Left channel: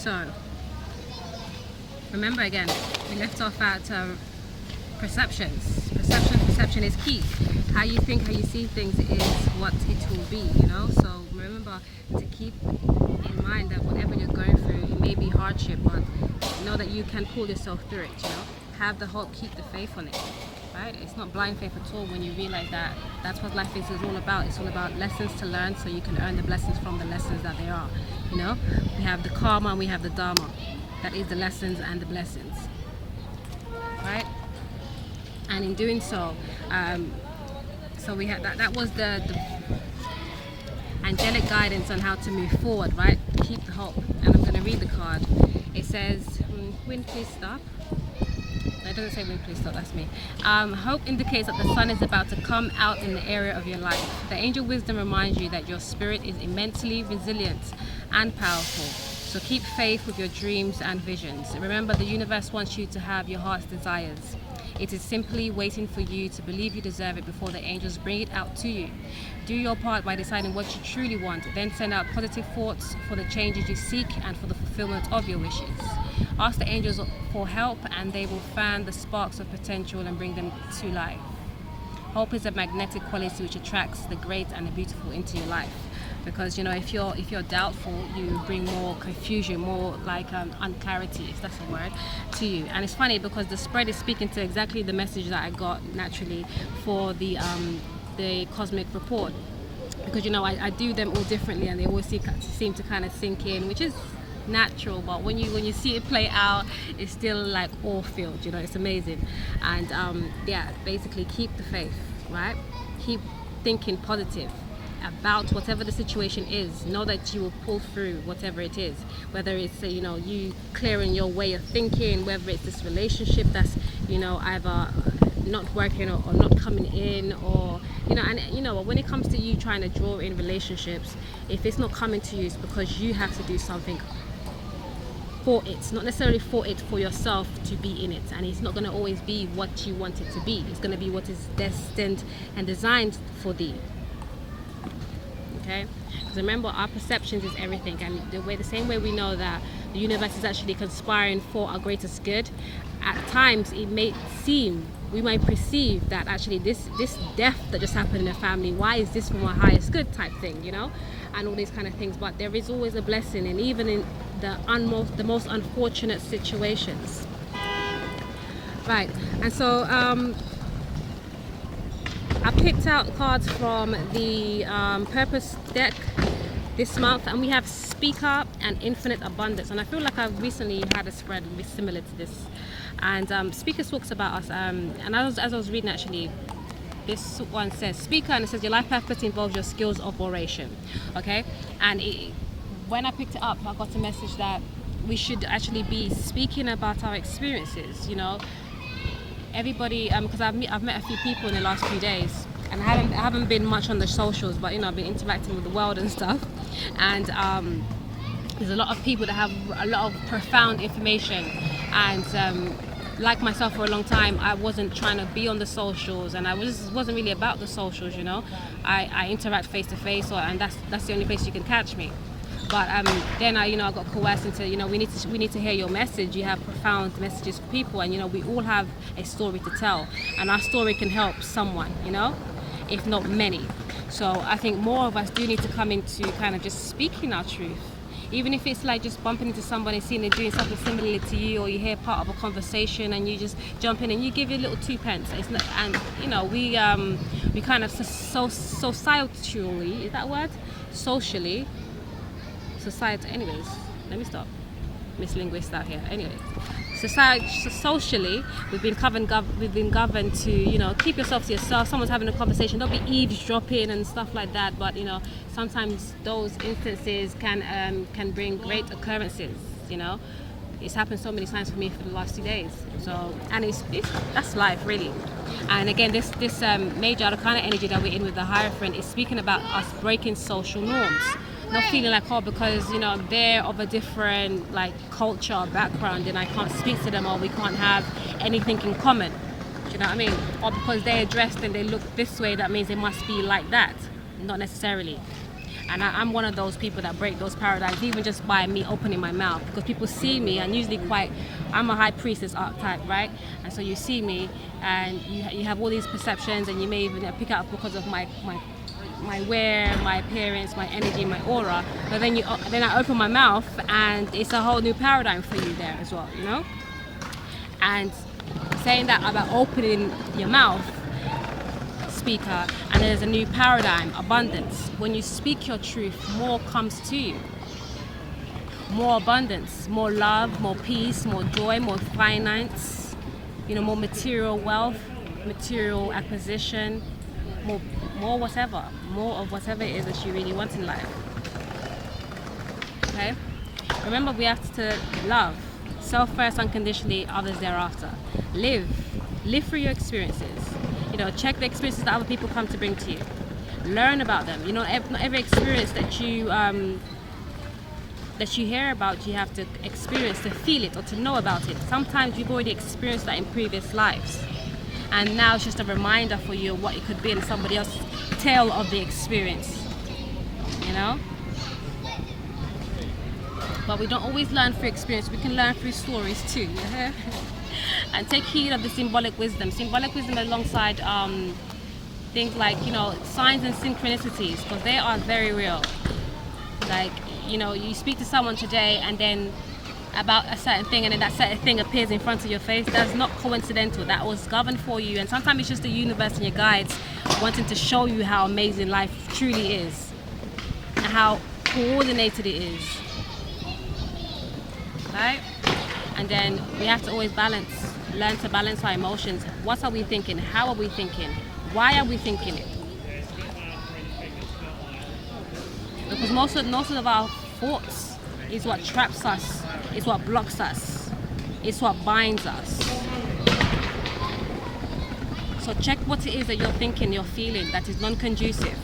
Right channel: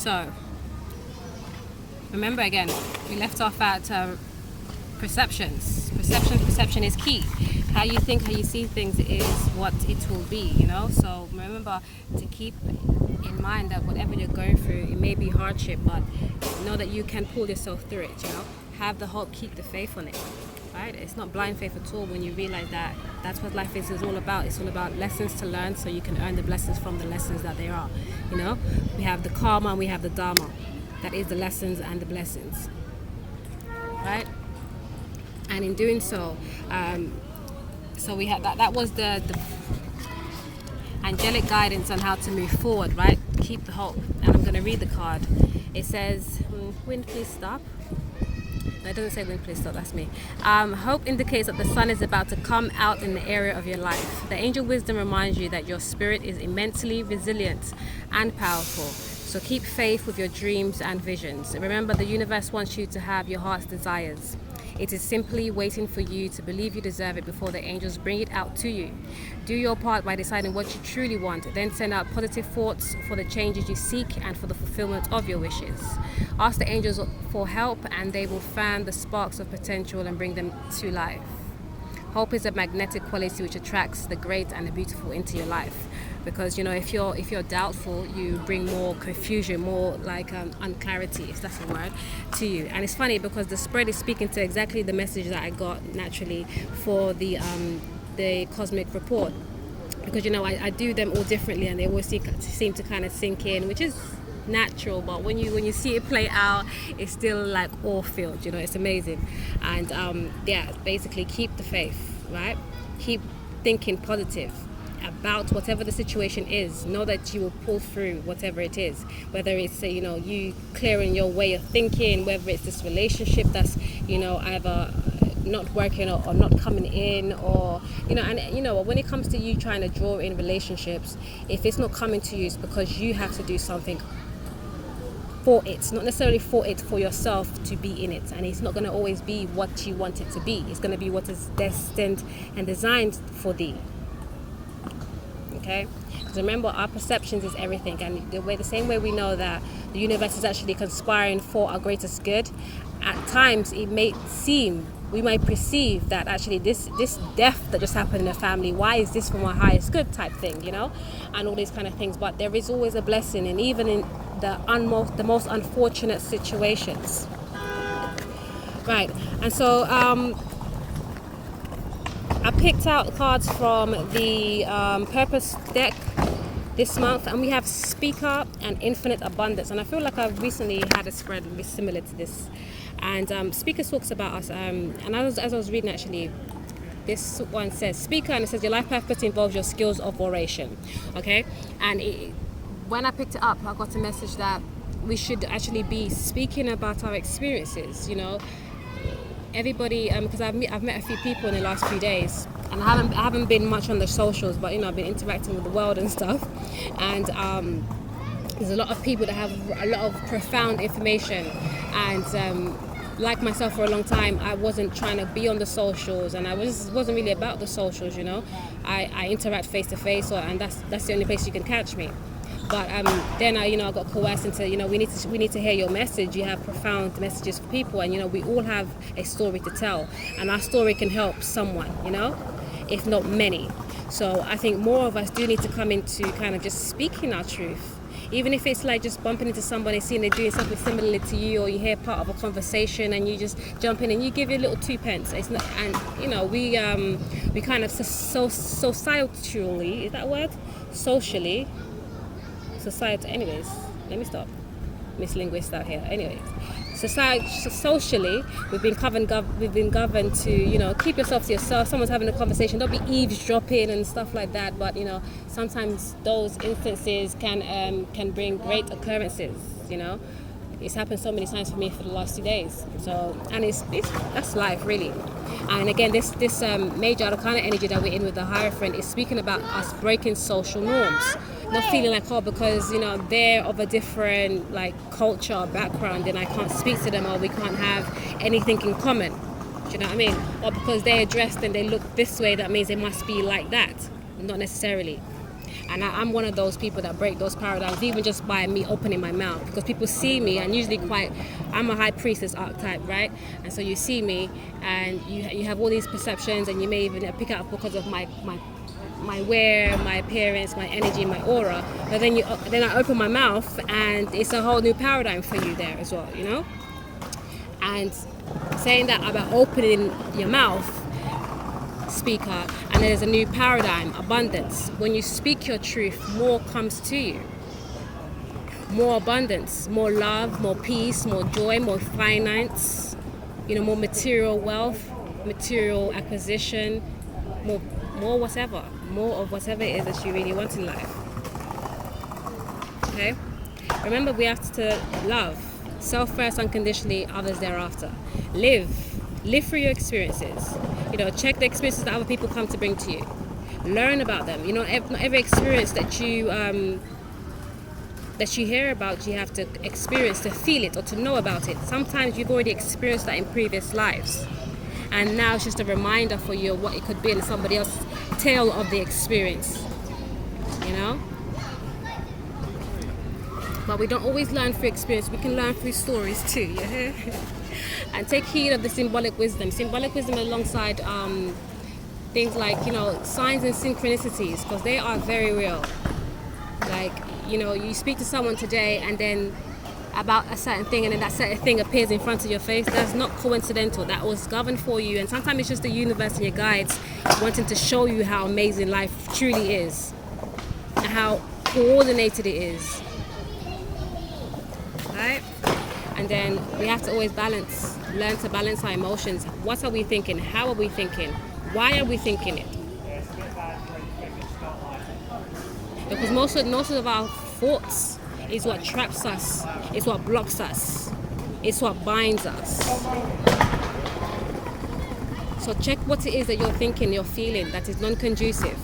So remember again, we left off at perceptions. Perception is key. How you think, how you see things is what it will be, you know. So remember to keep in mind that whatever you're going through, it may be hardship, but know that you can pull yourself through it, you know. Have the hope, keep the faith on it, right? It's not blind faith at all when you realize that that's what life is all about. It's all about lessons to learn so you can earn the blessings from the lessons that there are, you know. We have the karma and we have the dharma. That is the lessons and the blessings, right? And in doing so, so we had that was the angelic guidance on how to move forward, right? Keep the hope. And I'm going to read the card. It says, wind please stop. No, it doesn't say wind please stop, that's me. Hope indicates that the sun is about to come out in the area of your life. The angel wisdom reminds you that your spirit is immensely resilient and powerful. So keep faith with your dreams and visions. Remember, the universe wants you to have your heart's desires. It is simply waiting for you to believe you deserve it before the angels bring it out to you. Do your part by deciding what you truly want. Then send out positive thoughts for the changes you seek and for the fulfillment of your wishes. Ask the angels for help and they will fan the sparks of potential and bring them to life. Hope is a magnetic quality which attracts the great and the beautiful into your life. Because, you know, if you're doubtful, you bring more confusion, more like unclarity, if that's a word, to you. And it's funny because the spread is speaking to exactly the message that I got naturally for the cosmic report. Because, you know, I do them all differently and they always seem to kind of sink in, which is natural, but when you see it play out, it's still like all filled, you know. It's amazing. And yeah, basically keep the faith, right? Keep thinking positive about whatever the situation is. Know that you will pull through whatever it is, whether it's you know, you clearing your way of thinking, whether it's this relationship that's, you know, either not working or not coming in, or you know. And you know, when it comes to you trying to draw in relationships, if it's not coming to you, it's because you have to do something for it, not necessarily for it, for yourself to be in it. And it's not going to always be what you want it to be. It's going to be what is destined and designed for thee. Okay, because remember, our perceptions is everything, and the same way we know that the universe is actually conspiring for our greatest good, at times it may seem, we might perceive that actually this death that just happened in a family, why is this for my highest good type thing, you know, and all these kind of things. But there is always a blessing, and even in the most unfortunate situations, right? And so I picked out cards from the Purpose deck this month, and we have Speaker and Infinite Abundance. And I feel like I've recently had a spread similar to this. And Speaker talks about us. And as I was reading, actually, this one says Speaker, and it says your life purpose involves your skills of oration. Okay, and when I picked it up, I got a message that we should actually be speaking about our experiences. You know, everybody, because I've met a few people in the last few days, and I haven't been much on the socials, but you know, I've been interacting with the world and stuff, and there's a lot of people that have a lot of profound information, and like myself, for a long time I wasn't trying to be on the socials, and I wasn't really about the socials, you know. I interact face to face, and that's the only place you can catch me. But then I got coerced into, you know, we need to hear your message. You have profound messages for people, and you know, we all have a story to tell, and our story can help someone, you know, if not many. So I think more of us do need to come into kind of just speaking our truth, even if it's like just bumping into somebody, seeing they're doing something similar to you, or you hear part of a conversation and you just jump in and you give your little 2 pence. It's not, and you know, we kind of socially, is that word? Socially. Society, anyways, let me stop, Miss Linguist out here. Anyways, socially, we've been governed to, you know, keep yourself to yourself. Someone's having a conversation, don't be eavesdropping and stuff like that. But you know, sometimes those instances can bring great occurrences. You know, it's happened so many times for me for the last 2 days. So, and it's that's life, really. And again, this major arcana energy that we're in with the Hierophant is speaking about us breaking social norms. Not feeling like, oh, because, you know, they're of a different like culture or background, and I can't speak to them, or we can't have anything in common. Do you know what I mean? Or because they're dressed and they look this way, that means they must be like that. Not necessarily. And I'm one of those people that break those paradigms, even just by me opening my mouth, because people see me, and usually I'm a high priestess archetype, right? And so you see me, and you have all these perceptions, and you may even pick up because of my wear, my appearance, my energy, my aura. But then I open my mouth, and it's a whole new paradigm for you there as well, you know. And saying that about opening your mouth, speaker, and there's a new paradigm, abundance. When you speak your truth, more comes to you. More abundance, more love, more peace, more joy, more finance, more material wealth, material acquisition, more whatever, more of whatever it is that you really want in life. Okay? Remember, we have to love. Self first, unconditionally, others thereafter. Live through your experiences. Check the experiences that other people come to bring to you. Learn about them. Not every experience that you hear about, you have to experience to feel it or to know about it. Sometimes you've already experienced that in previous lives, and now it's just a reminder for you of what it could be in somebody else's tale of the experience. But we don't always learn through experience. We can learn through stories too. Yeah. And take heed of the symbolic wisdom alongside things like signs and synchronicities, because they are very real. Like you speak to someone today, and then about a certain thing, and then that certain thing appears in front of your face. That's not coincidental. That was governed for you. And sometimes it's just the universe and your guides wanting to show you how amazing life truly is, and how coordinated it is. Right? And then we have to always learn to balance our emotions. What are we thinking? How are we thinking? Why are we thinking it? Because most of our thoughts is what traps us, it's what blocks us, it's what binds us. So check what it is that you're thinking, you're feeling that is non-conducive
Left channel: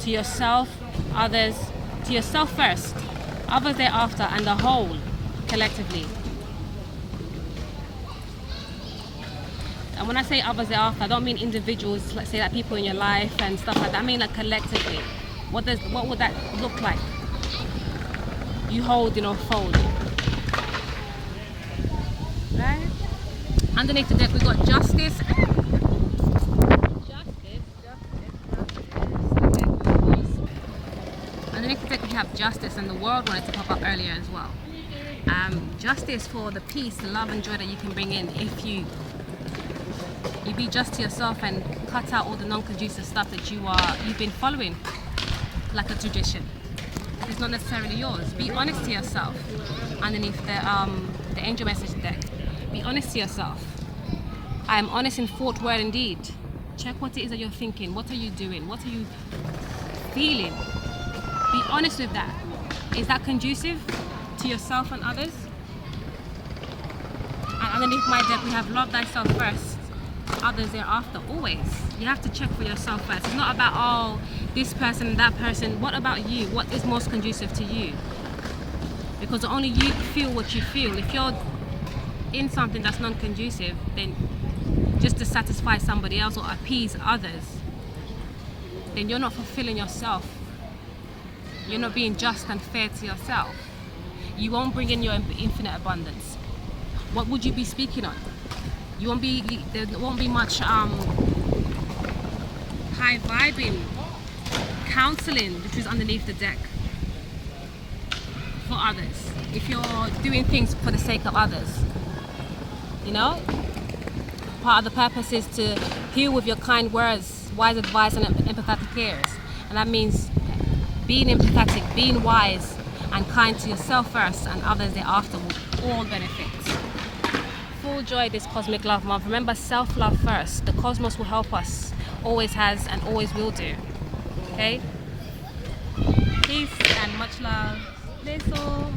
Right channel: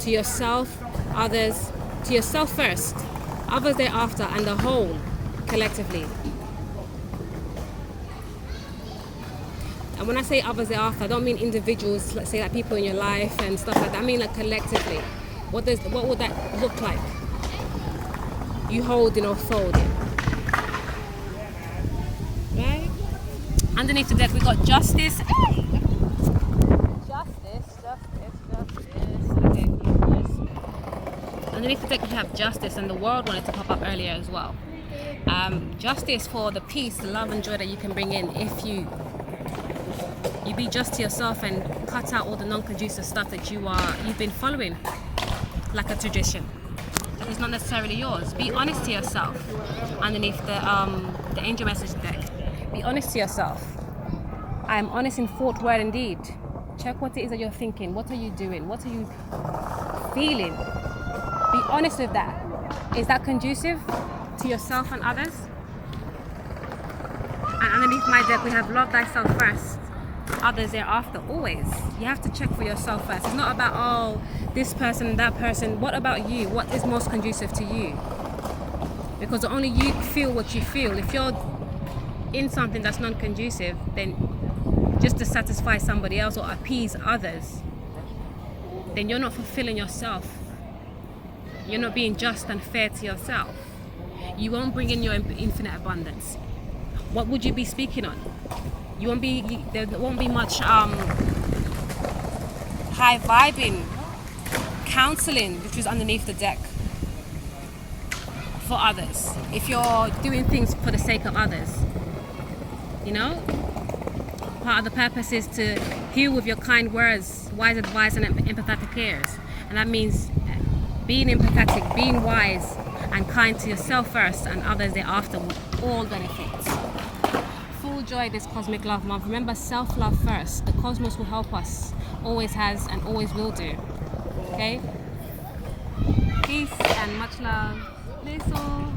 to yourself, others, to yourself first, others thereafter, and the whole collectively. And when I say others thereafter, I don't mean individuals, let's say like people in your life and stuff like that. I mean like collectively. What would that look like? You holding or folding. Right? Underneath the deck we got justice. Underneath the deck we have justice, and the world wanted to pop up earlier as well. Justice for the peace, the love and joy that you can bring in if you be just to yourself and cut out all the non-conducive stuff that you've been following like a tradition that is not necessarily yours. Be honest to yourself. Underneath the angel message deck, be honest to yourself. I am honest in thought, word, and deed. Check what it is that you're thinking. What are you doing? What are you feeling? Be honest with that. Is that conducive to yourself and others? And underneath my deck we have love thyself first, others thereafter. Always you have to check for yourself first. It's not about this person and that person. What about you? What is most conducive to you? Because only you feel what you feel. If you're in something that's non-conducive, then just to satisfy somebody else or appease others, then you're not fulfilling yourself. You're not being just and fair to yourself. You won't bring in your infinite abundance. What would you be speaking on? There won't be much high vibing, counseling, which is underneath the deck for others. If you're doing things for the sake of others, part of the purpose is to heal with your kind words, wise advice, and empathetic ears. And that means being empathetic, being wise, and kind to yourself first, and others thereafter will all benefit. Full joy this Cosmic Love Month. Remember, self-love first. The cosmos will help us. Always has and always will do. Okay? Peace and much love. Bless all.